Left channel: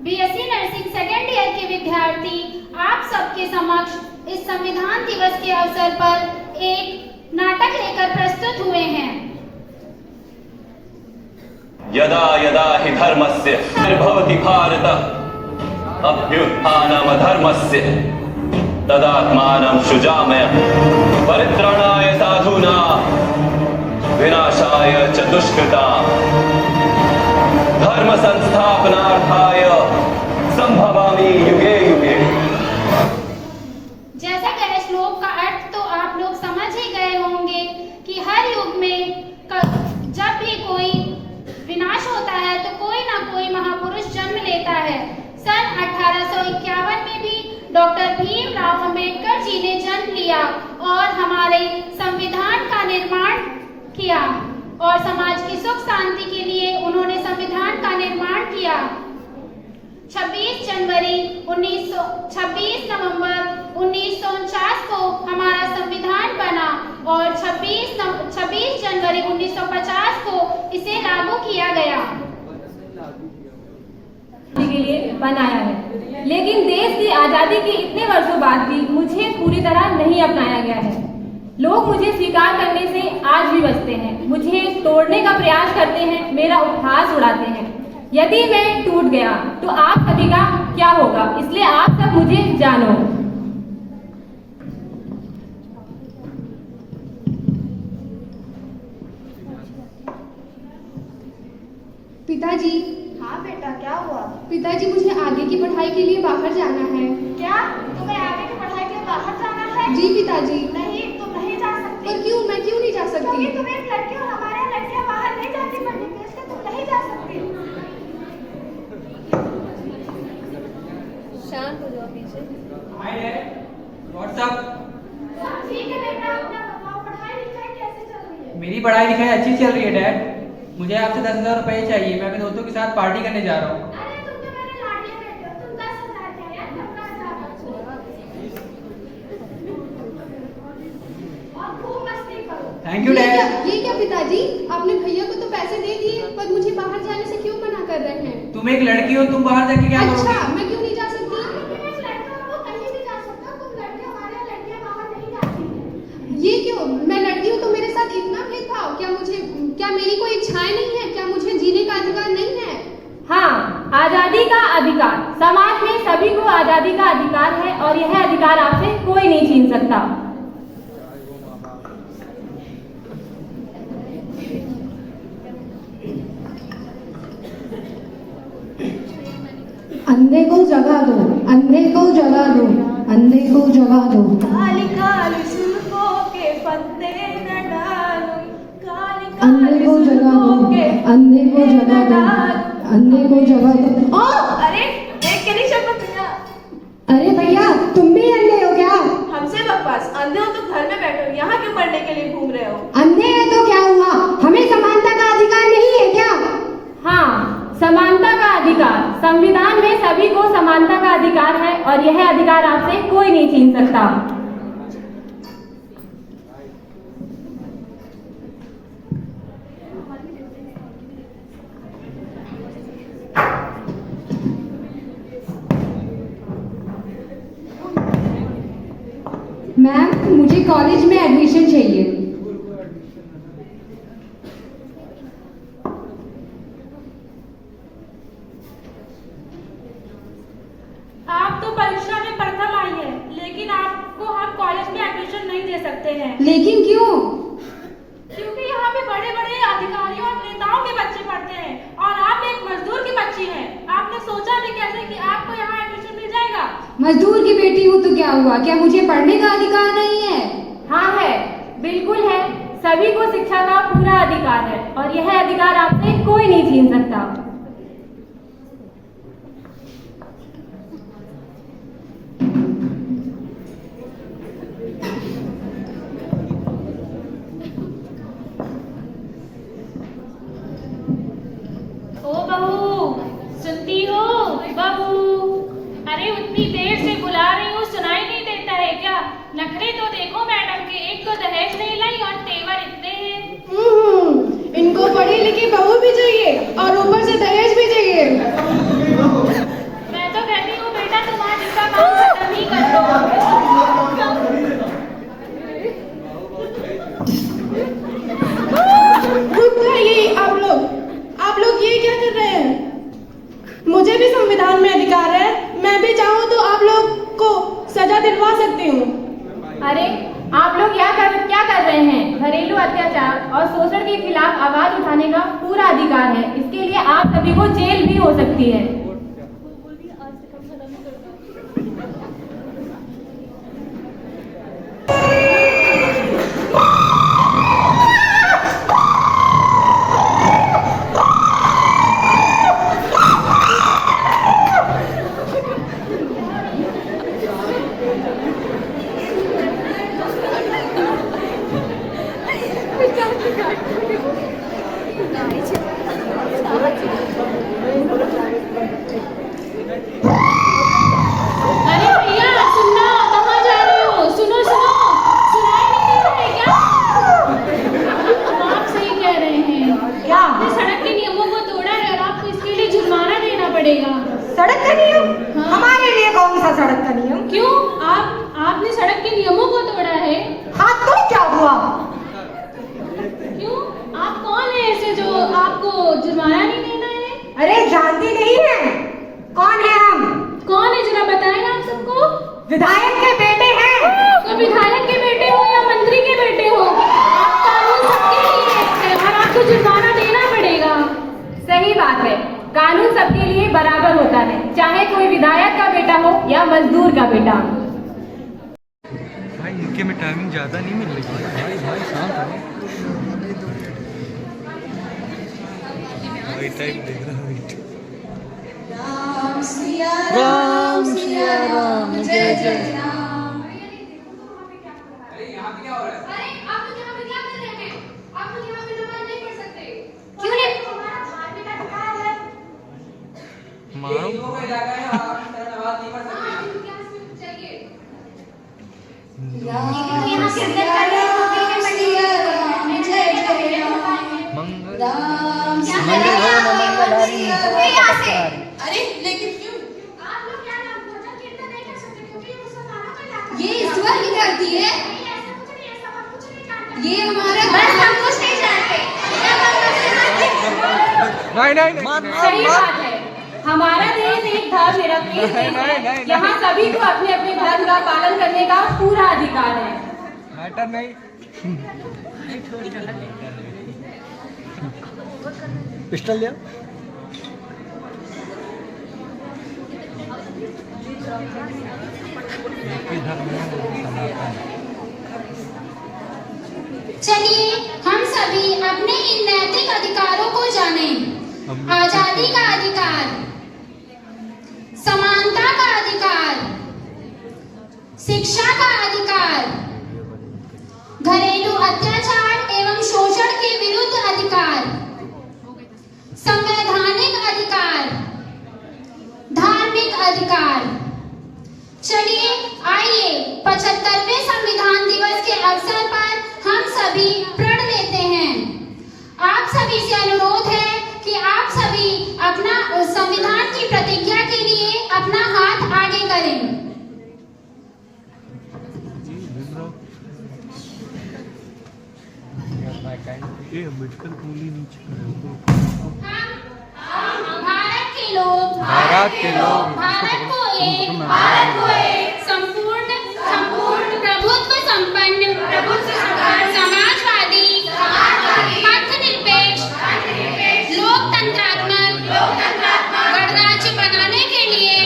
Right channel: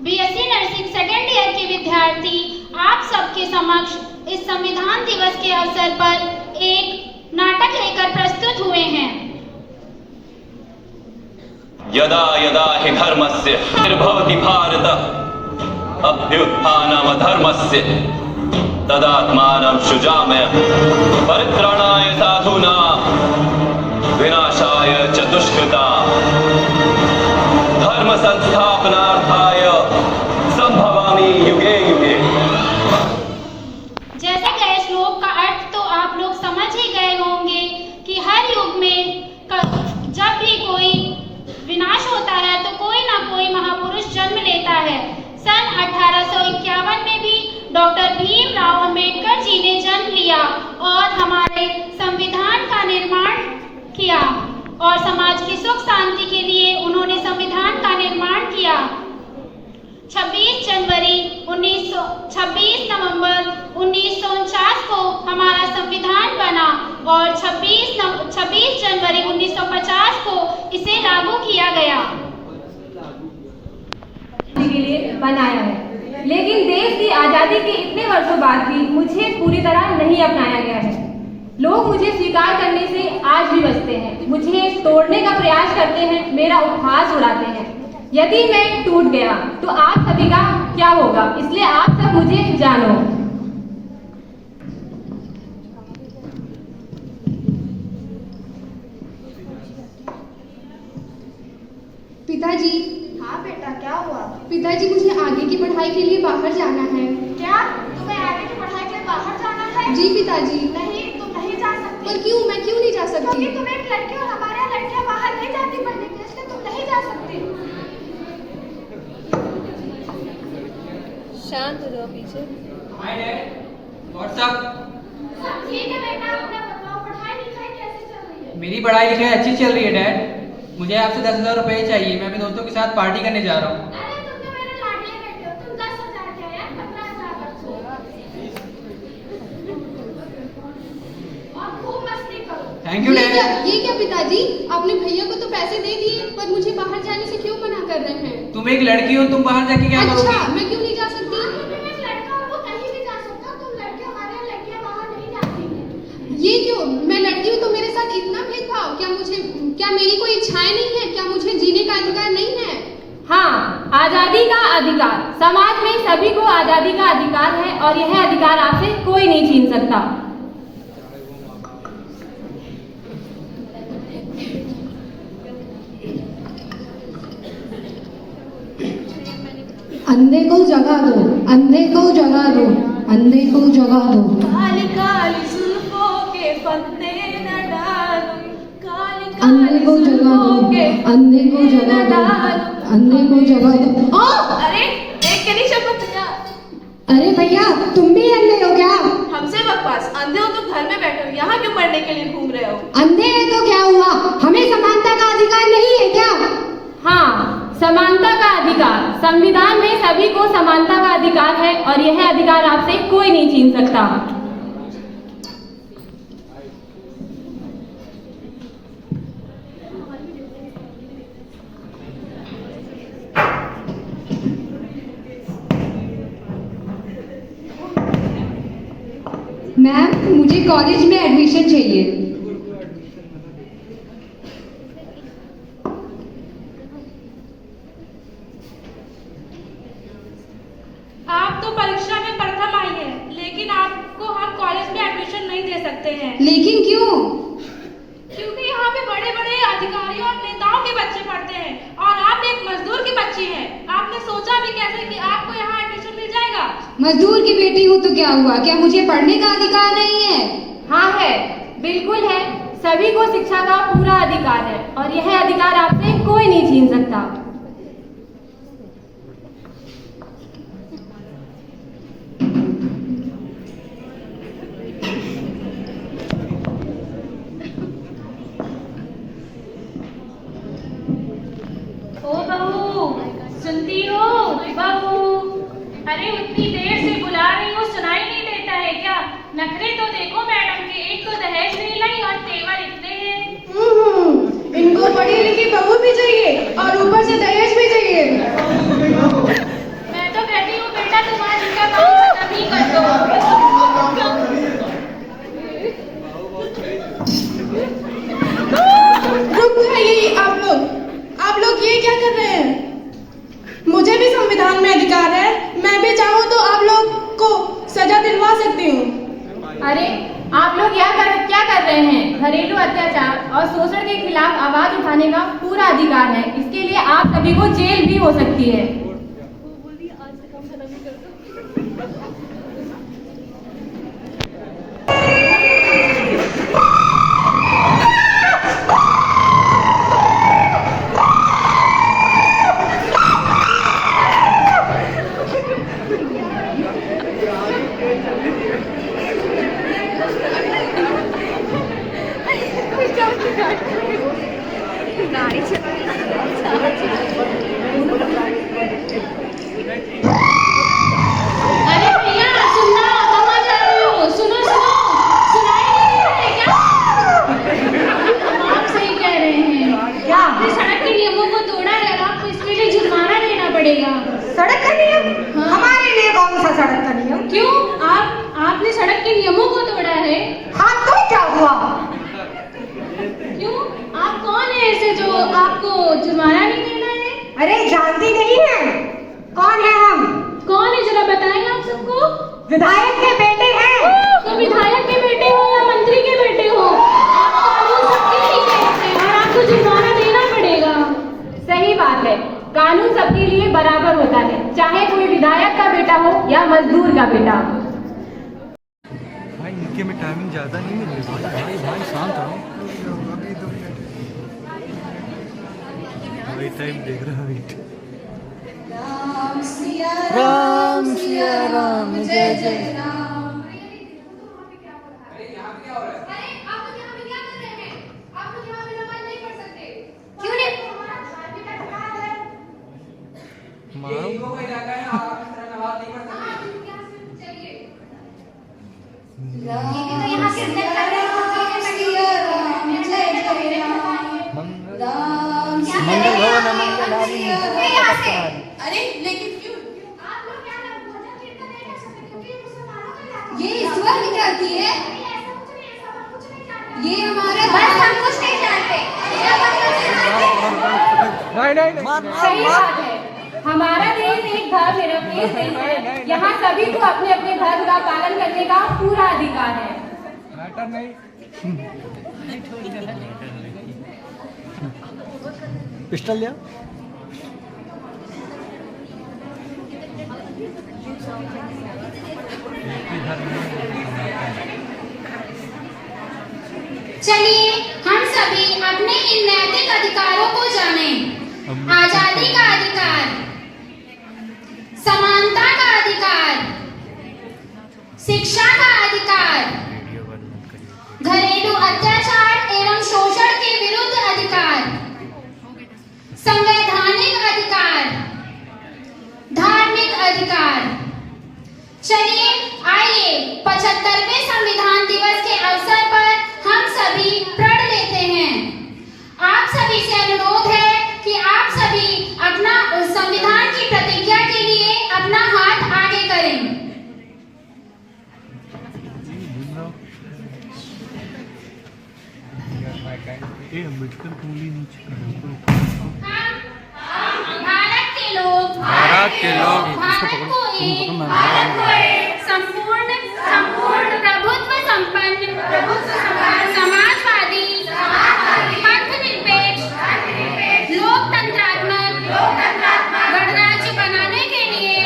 BSc nursing second year के विद्यार्थी आप सबके समक्ष इस संविधान दिवस के अवसर पर एक नाटक लेकर प्रस्तुत हुए हैं। यदा यदा हि धर्मस्य निर्भवति भारत अभ्युत्थानम् अधर्मस्य तदात्मानं सृजामय परित्राणाय साधूनां विनाशाय च दुष्कृताम् धर्म संस्थापनार्थाय संभवामि युगे युगे। जैसा कि श्लोक का अर्थ तो आप लोग समझ ही गए होंगे कि हर युग में जब भी कोई विनाश होता है तो कोई ना कोई महापुरुष जन्म लेता है। सन 1851 में भी डॉक्टर भीमराव अंबेडकर जी ने जन्म लिया और हमारे संविधान का निर्माण किया और समाज की सुख शांति के लिए उन्होंने संविधान का निर्माण किया। 26 नवंबर 1949 को हमारा संविधान बना और 26 जनवरी 1950 को इसे लागू किया गया के लिए बनाया है। लेकिन देश की आजादी के इतने वर्षों बाद भी मुझे पूरी तरह नहीं अपनाया गया है। लोग मुझे स्वीकार करने से आज भी बचते हैं, मुझे तोड़ने का प्रयास करते हैं, मेरा उपहास उड़ाते हैं। यदि मैं टूट गया तो आप सभी का क्या होगा, इसलिए आप सब मुझे जानो। पिताजी। हाँ बेटा, क्या हुआ? पिताजी, मुझे आगे की पढ़ाई के लिए बाहर जाना है। क्या तुम्हें आगे की पढ़ाई के लिए बाहर जाना है? जी पिताजी। नहीं, तुम नहीं जा सकती। पर क्यों? मैं क्यों नहीं जा सकती? क्योंकि तुम एक लड़की और हमारे यहाँ लड़कियाँ बाहर नहीं जाती पढ़ने के लिए, इसलिए तुम नहीं जा सकती। शांत हो जाओ पीछे। व्हाट्सअप। सब ठीक है बेटा, अपना बताओ पढ़ाई लिखाई कैसे चल रही है? मेरी पढ़ाई लिखाई अच्छी चल रही है डैड। मुझे आपसे 10,000 रुपए चाहिए, मैं अपने दोस्तों के साथ पार्टी करने जा रहा हूँ। अरे तुम तो मेरे लाडले बेटे हो, तुम 10,000 क्या यार, 15,000 रखो और खूब मस्ती करो। Thank you dad. ये क्या पिताजी, आपने भैया को तो पैसे दे दिए पर मुझे बाहर जाने से क्यों मना कर रहे हैं? तुम एक लड़की हो, तुम बाहर जाके क्या करोगी? अच्छा, मैं क्यों नहीं जा सकती? तुम एक लड़का हो, वो कहीं भी जा सकता, तुम लड़के, हमारे यहाँ लड़कियाँ बाहर नहीं जाती हैं। ये क्यों? मैं लड़की हूँ तो मेरे साथ इतना भेदभाव? क्या मेरी कोई इच्छाएं नहीं है? क्या मुझे जीने का अधिकार नहीं है? हाँ, आजादी का अधिकार। समाज में सभी को आजादी का अधिकार है और यह अधिकार आपसे कोई नहीं छीन सकता। अंधे को जगा दो, अंधे को जगा दो, अंधे को जगा दो। काली काली जुल्फों के फंदे न डालो, काली अंधे को जगा दो, अंधे को जगा दो, अंधे को जगा दो। अरे देख के नहीं शर्म भैया। अरे भैया, तुम भी अंधे हो क्या? हमसे बकवास, अंधे हो तो घर में बैठे हो, यहाँ क्यों मरने के लिए घूम रहे हो? अंधे है तो क्या हुआ? हमें समानता का अधिकार नहीं है क्या? हाँ, समानता का अधिकार। संविधान में सभी को समानता का अधिकार है और यह अधिकार आपसे कोई नहीं छीन सकता। मैम, मुझे कॉलेज में एडमिशन चाहिए। आप तो परीक्षा में प्रथम आई है, लेकिन आपको हम कॉलेज में एडमिशन नहीं दे सकते हैं। लेकिन क्यों? क्योंकि यहाँ पे बड़े बड़े अधिकारियों और नेताओं के बच्चे पढ़ते हैं और आप एक मजदूर की बच्ची हैं। आपने सोचा भी कैसे कि आपको यहाँ एडमिशन मिल जाएगा? मजदूर की बेटी हूँ तो क्या हुआ? क्या मुझे पढ़ने का अधिकार नहीं है? हाँ है, बिल्कुल है। सभी को शिक्षा का पूरा अधिकार है और यह अधिकार आपसे कोई नहीं छीन सकता। ओ बहू, सुनती हो बहू? अरे उतनी देर से बुला रही हूँ, सुनाई नहीं देता है क्या? नखरे तो देखो मैडम के, एक तो दहेज नहीं लाई और तेवर इतने हैं। इनको पढ़ी लिखी बहू भी चाहिए और ऊपर से दहेज भी चाहिए। हो सकती है। अरे भैया सुनना, कहाँ जा रहे हो? सुनो सुनो, सुनाई नहीं दे रहा है क्या? आप सही कह रहे हैं। क्या आपने सड़क के नियमों को तोड़ा है और आपको इसके लिए जुर्माना देना पड़ेगा। सड़क का नियम? हाँ। हमारे लिए कौन सा सड़क का नियम? क्यों? आपने सड़क के नियमों को तोड़ा है। हाँ तो क्या हुआ? क्यों? आप कौन है ऐसे जो आपको जुर्माना नहीं देना है? अरे जानती नहीं है कौन है हम? कौन है जरा बताएं आप सबको। विधायक के बेटे हैं। तो विधायक के बेटे हो या मंत्री के बेटे हो, आप कानून सबके लिए है और आपको जुर्माना देना पड़ेगा। सही बात है, कानून सबके लिए बराबर होता है, चाहे कोई विधायक का बेटा हो या मजदूर का बेटा। भाई इनके में टाइमिंग ज़्यादा नहीं मिल रही। भाई भाई शांत रहो। भाई टाइम देख रहा हूँ। राम सिया राम जय जय। अरे आप लोग यहाँ पे क्या कर रहे हैं? आप लोग यहाँ पे नमाज नहीं पढ़ सकते। क्यों नहीं? हमारा धार्मिक अधिकार है। मारो यहाँ से अंदर कर रहे हो मंगल भवन मंगलहारी। अरे लेकिन क्यों? आप लोग क्या ना भजन कीर्तन नहीं कर सकते क्योंकि उसमें माना क्या? ये ईश्वर की धरती है। ऐसा कुछ नहीं, ऐसा बात कुछ नहीं जानते। ये हमारा बस हम कुछ नहीं जानते। नहीं सही बात है, हमारा देश एक धर्मनिरपेक्ष देश है, यहाँ सभी को अपने अपने धर्म का पालन करने का पूरा अधिकार है। मैटर नहीं। पिस्टल लिया। चलिए हम सभी अपने इन नैतिक अधिकारों को जानें। आजादी का अधिकार, समानता का अधिकार, शिक्षा का अधिकार, घरेलू अत्याचार एवं शोषण के विरुद्ध अधिकार, संवैधानिक अधिकार, धार्मिक अधिकार। चलिए आइए 75वें संविधान दिवस के अवसर पर हम सभी प्रण लेते हैं। आप सभी से अनुरोध है कि आप सभी अपना संविधान की प्रतिज्ञा के लिए अपना हाथ आगे करें। भारत के लोग संपूर्ण प्रभुत्व संपन्न समाजवादी धर्मनिरपेक्ष लोकतंत्रात्मक गणराज्य बनाने के लिए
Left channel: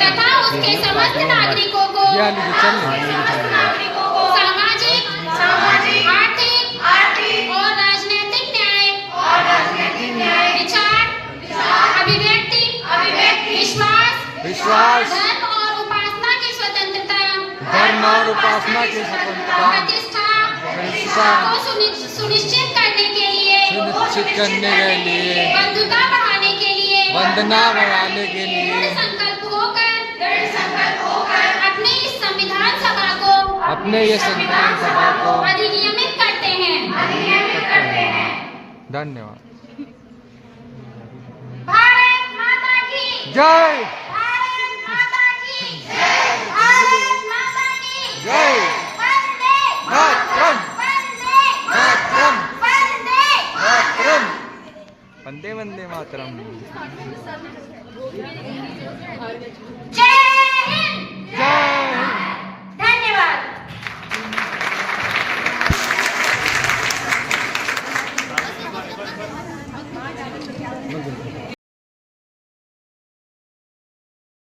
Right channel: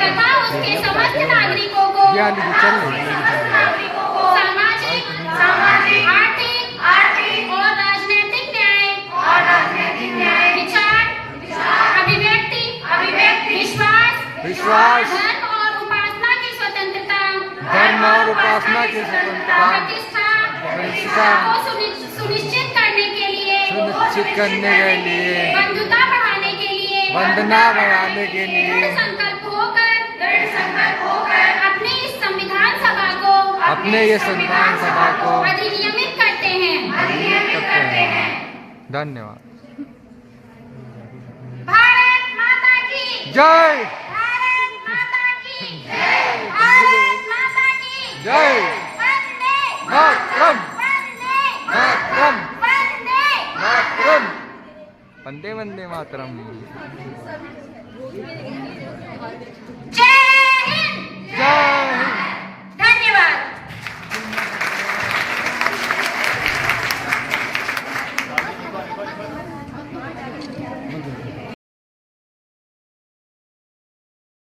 तथा उसके समस्त नागरिकों को सामाजिक आर्थिक और राजनीतिक न्याय विचार अभिव्यक्ति विश्वास धर्म और उपासना की स्वतंत्रता प्रतिष्ठा को सुनिश्चित करने के लिए बंधुता बढ़ाने के लिए दृढ़ संकल्प होकर अपने इस संविधान सभा को अधिनियमित करते हैं। धन्यवाद। भारत माता की जय। भारत माता की भारत माता की जय। वंदे मातरम। वंदे मातरम। वंदे मातरम। वंदे वंदे मातरम।